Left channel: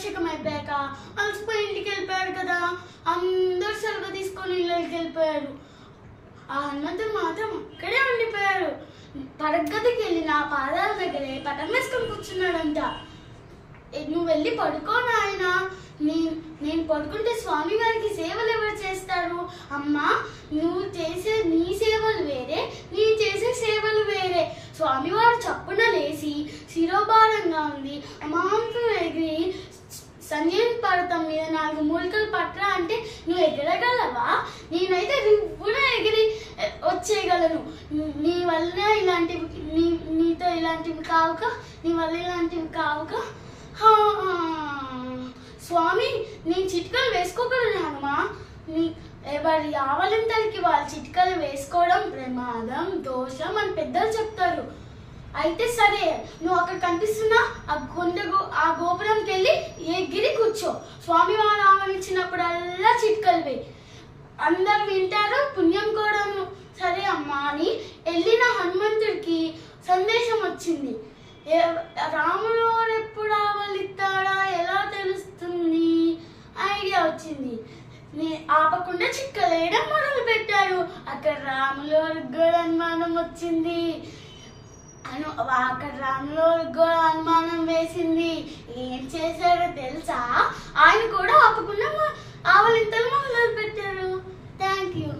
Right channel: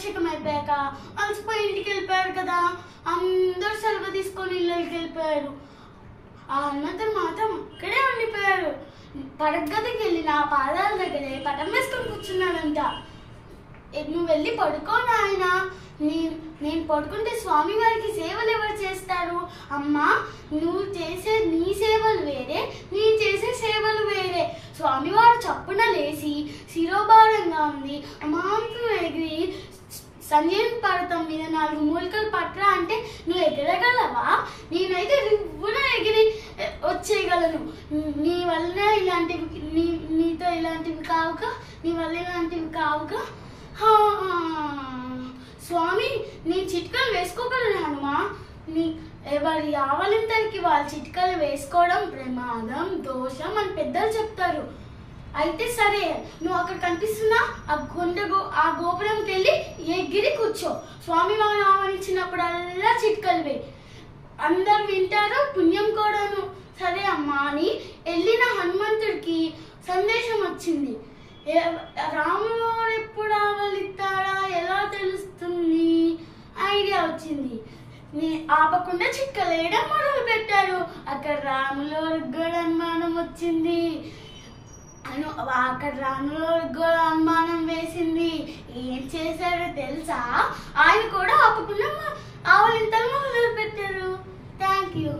పట్టాభిషేకం అయిపోయాక అలసిపోయి ఇంటికి వెళ్ళిపోయారు కదా. అందరూ సెలవు తీసుకొని ఇళ్ళకి వెళ్ళిపోయారు. ఆ హనుమంతుడు మాత్రం అక్కడే ఉండిపోయారు. పడగదికి వెళ్ళి నా పాదాల దగ్గరే పటం వేసుకొని కూర్చున్నాడంట. నువ్వు వెళ్ళి పడుకో నాయన, నేను పడుకుంటే స్వామి వారికి సేవలు ఎవరు చేస్తారు? అమ్మా, నువ్వు చేసే నీ సేవలు వేరే, నేను చేసే సేవలు వేరే. స్వామివారు చప్పున లేచి శిరోభారంగా ఉంది అమాంతం ఎగిరి సంజయన్ పర్వతం మీద 4 మూలికలు పట్రా అంటే నువ్వు ఎగరగలవా? నేనైతే రివ్వున ఎగిరి వచ్చేయగలను. నీ వల్ల ఇలాంటివి నీతో ఇలాంటివి కావుక, నీ వల్ల ఇలాంటివి కావుక. స్వామి, నేను చిట్కలు వేసుకోగలను. ఎవరి ఆవలింతలకి వాళ్ళు చిట్కలు వేసుకోవడం ప్రమాదం, దోషం అని పెద్దలు చెప్తారు. అయితే సరే, నువ్వు అక్కడ కనిపిస్తున్నా ఆ గోపురంకి వెళ్ళి ఎగిరి కూర్చో. స్వామి వారు ఆవరించినప్పుడల్లా చిట్కలు వే, అందరు వింటారు, పుణ్యం కూడా. సరే అమ్మా అని వెళ్ళిన హనుమంతుడికి సందేశం వచ్చింది. రాముడు ఎప్పుడు ఆవలిస్తాడా ఎలా తెలుస్తుంది? ఐడియా వచ్చింది. ఆపకుండా చిక్కలేయడం మొదలు పెట్టారు. అక్కడ రాములో కూడా అనుమానం వచ్చింది. అక్కడ రాములో కూడా అనుమానం వేసింది. ఏం చేశారో తెలుసా? ఆయన కూడా ఆపకుండా ఆవలింతలు మొదలు పెట్టారు. Thank you.